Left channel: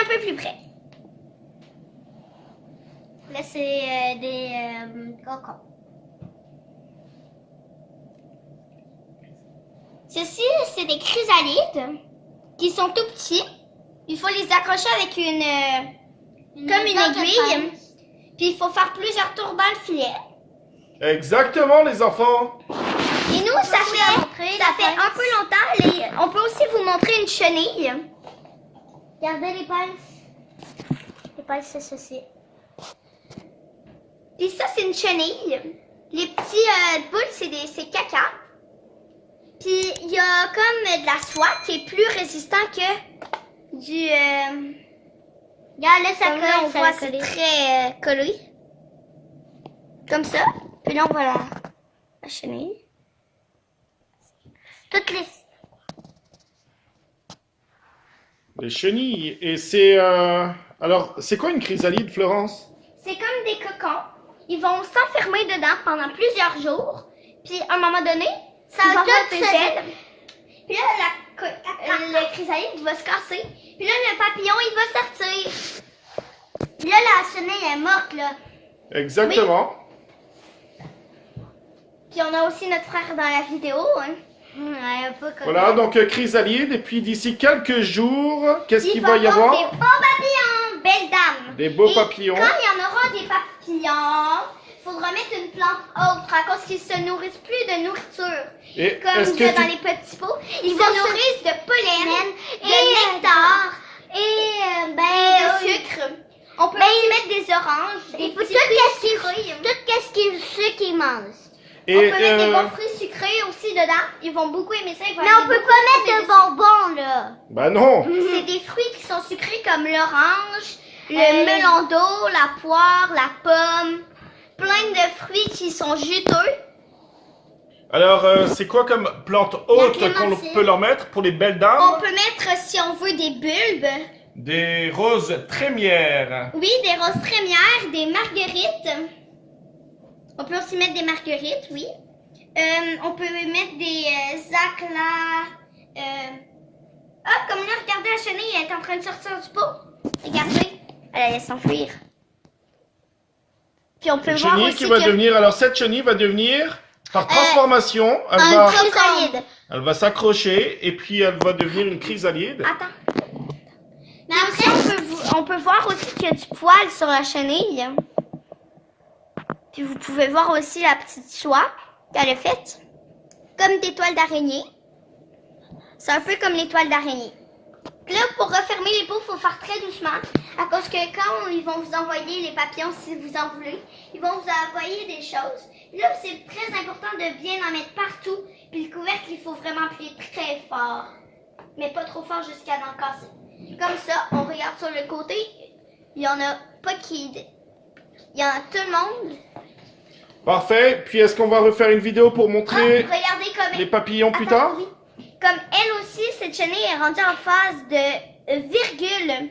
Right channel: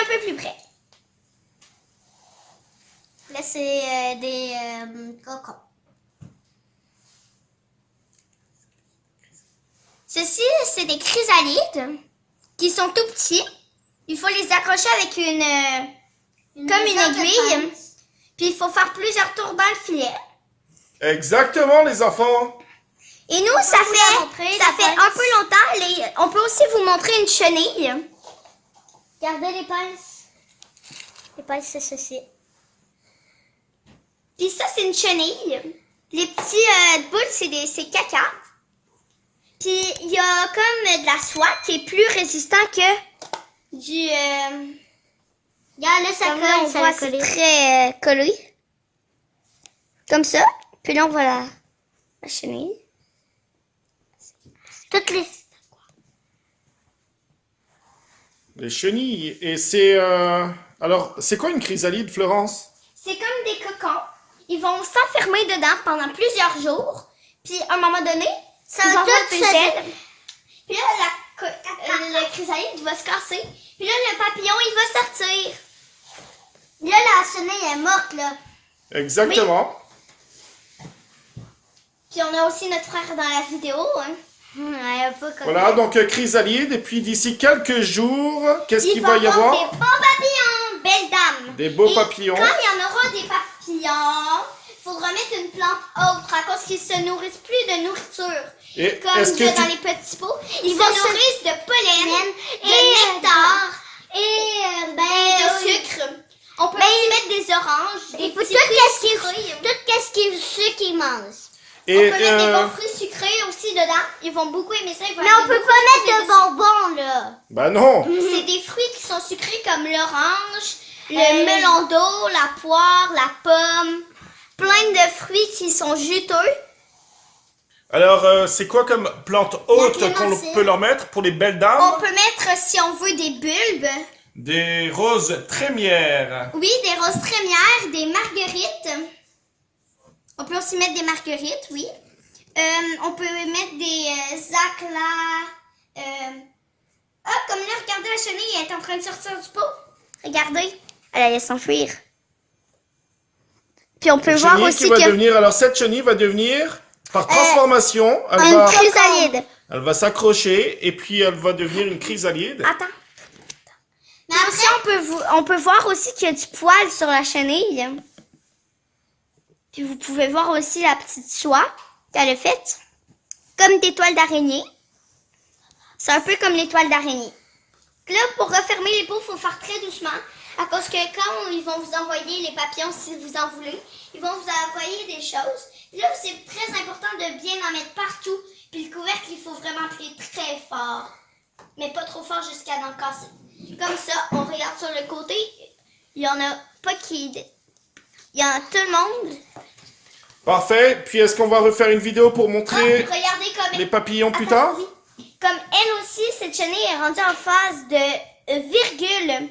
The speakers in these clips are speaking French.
un peu plus près. Là, c'est des cocons. Ceci, c'est des chrysalides qui sont tout petits. Il faut les accrocher avec comme une aiguille. Puis il faut faire plusieurs tours dans le filet. Exactement, les enfants. Et nous, ça fait un peu longtemps. On peut aussi vous montrer une chenille. Regardez les pinces. Les pinces, c'est ceci. Puis ça, c'est une chenille. Les petits boules, c'est caca. Puis il y a comme de la soie qui est plus résistant que du... Regarde, là, ça colle, on voit, c'est très collé. Comme ça. Puis là, on voit la chenille. Toutes Les chenilles. Et c'est... Alors, c'est quoi une chrysalide, Florence? C'est comme des cocons. Ils vont s'enfermer dedans pendant plusieurs jours. Puis à un moment donné, ils vont avoir un peu de gel. Puis là, le chrysalide va se casser. Puis là, le papillon, il va sortir. Là, la chenille est morte, là. Exactement. Oui. Puis on a aussi notre frère dans la vidéo. Hein. Voilà, donc chrysalide. Et puis d'ici quelques jours, qu'est-ce qu'il va y avoir? Des beaux papillons, belles dames. Des beaux papillons. Quand il y en aura des papillons, il faudra mettre une plante autre à cause qu'ils se nourrissent plus de nourriture. Et comme dans les petits pots. Ils se nourrissent de pollen, de nectar et de sucre. On peut aussi mettre des oranges, des petits fruits sucrés. Tout ce qu'ils mangent. Et on peut mettre des bons fruits sucrés aussi dedans. Ils vont beaucoup aimer ça. Mais on peut pas mettre de bonbons, là. Bah non. C'est des fruits qui sont sucrés comme l'orange, le melon d'eau, la poire, la pomme. Plein de fruits qui sont juteux. Alors, c'est quoi comme plante haute qu'on peut leur mettre pour les belles dames? On peut mettre, si on veut, des bulbes. Des roses trémières. Oui, des roses trémières, des marguerites. On peut aussi mettre des marguerites, oui. On peut mettre des aclas. Comme là, regardez la chenille, elle est en train de sortir du pot. Regardez, elle allait s'enfuir. Puis on peut voir chenille aussi qui va devenir, alors cette chenille va devenir, par transformation, une chrysalide. Elle va s'accrocher et puis elle va devenir une chrysalide. Attends. Mais aussi, on peut voir aussi qu'il y a du poil sur la chenille. Puis vous pouvez voir aussi la petite soie qu'elle a faite. Comme des toiles d'araignée. C'est un peu comme les toiles d'araignée. Là, pour refermer les pots, il faut faire très doucement. À cause que quand ils vont vous envoyer les papillons, si vous en voulez, ils vont vous envoyer des choses. Puis là, c'est très important de bien en mettre partout. Puis le couvercle, il faut vraiment appuyer très fort. Mais pas trop fort jusqu'à en casser. Comme ça, on regarde sur le côté. Il n'y en a pas qui... Il y en a tout le monde. Parfait. Puis est-ce qu'on va refaire une vidéo pour montrer regardez comme... les papillons plus tard? Oui. Comme elle aussi, cette chenille est rendue en phase de virgule.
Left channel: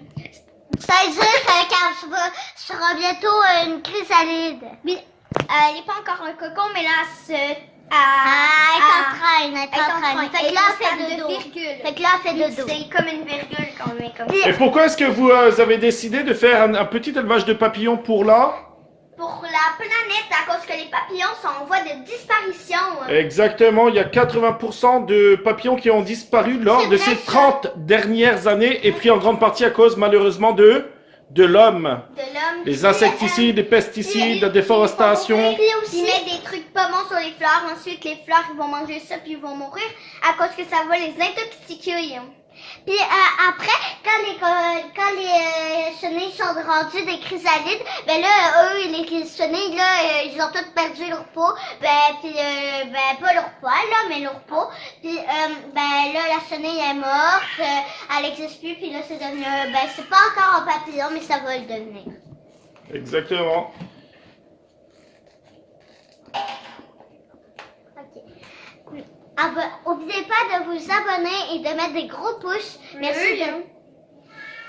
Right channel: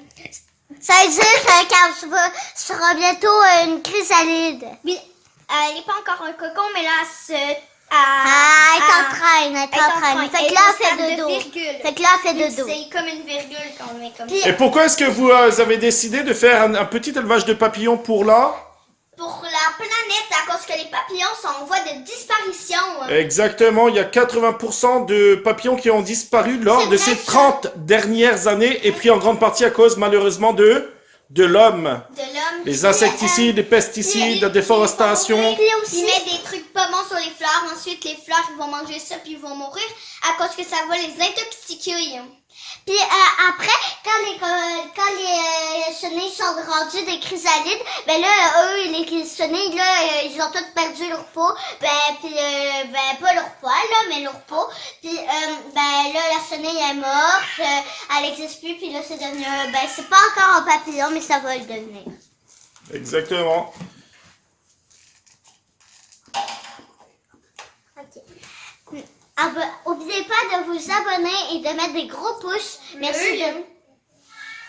Ça veut dire qu'elle sera bientôt une chrysalide. Oui. Elle n'est pas encore un cocon, mais là, elle est en train. Fait que là, elle fait de dos. Fait que là, elle fait de dos. C'est comme une virgule quand on met comme ça. Et pourquoi est-ce que vous avez décidé de faire un petit élevage de papillons pour là? Pour la planète, à cause que les papillons sont en voie de disparition. Exactement, il y a 80% de papillons qui ont disparu lors de ces 30 dernières années, et puis en grande partie à cause malheureusement de l'homme. Les insecticides, les pesticides, la déforestation. Ils mettent des trucs pas bons sur les fleurs, ensuite les fleurs ils vont manger ça puis ils vont mourir à cause que ça va les intoxiquer. Puis après, quand les chenilles sont rendues des chrysalides, ben là, eux, les chenilles, là, ils ont toutes perdu leur peau. Pas leur poil, là, mais leur peau. Puis, là, la chenille est morte, elle n'existe plus, puis là, c'est devenu, c'est pas encore un papillon, mais ça va le devenir. Exactement. N'oubliez pas de vous abonner et de mettre des gros pouces. Merci.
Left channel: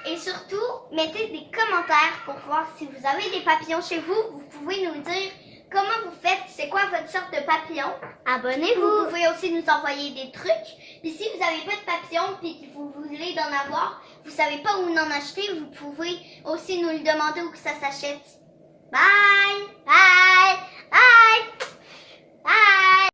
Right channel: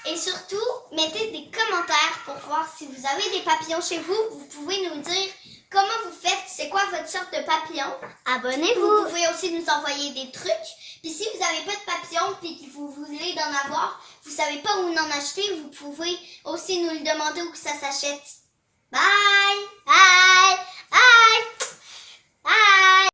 Et surtout, mettez des commentaires pour voir si vous avez des papillons chez vous. Vous pouvez nous dire comment vous faites, c'est quoi votre sorte de papillon. Vous Abonnez-vous. pouvez aussi nous envoyer des trucs. Puis si vous n'avez pas de papillon puis que vous voulez d'en avoir, vous savez pas où en acheter, vous pouvez aussi nous le demander où que ça s'achète. Bye! Bye. Bye. Bye.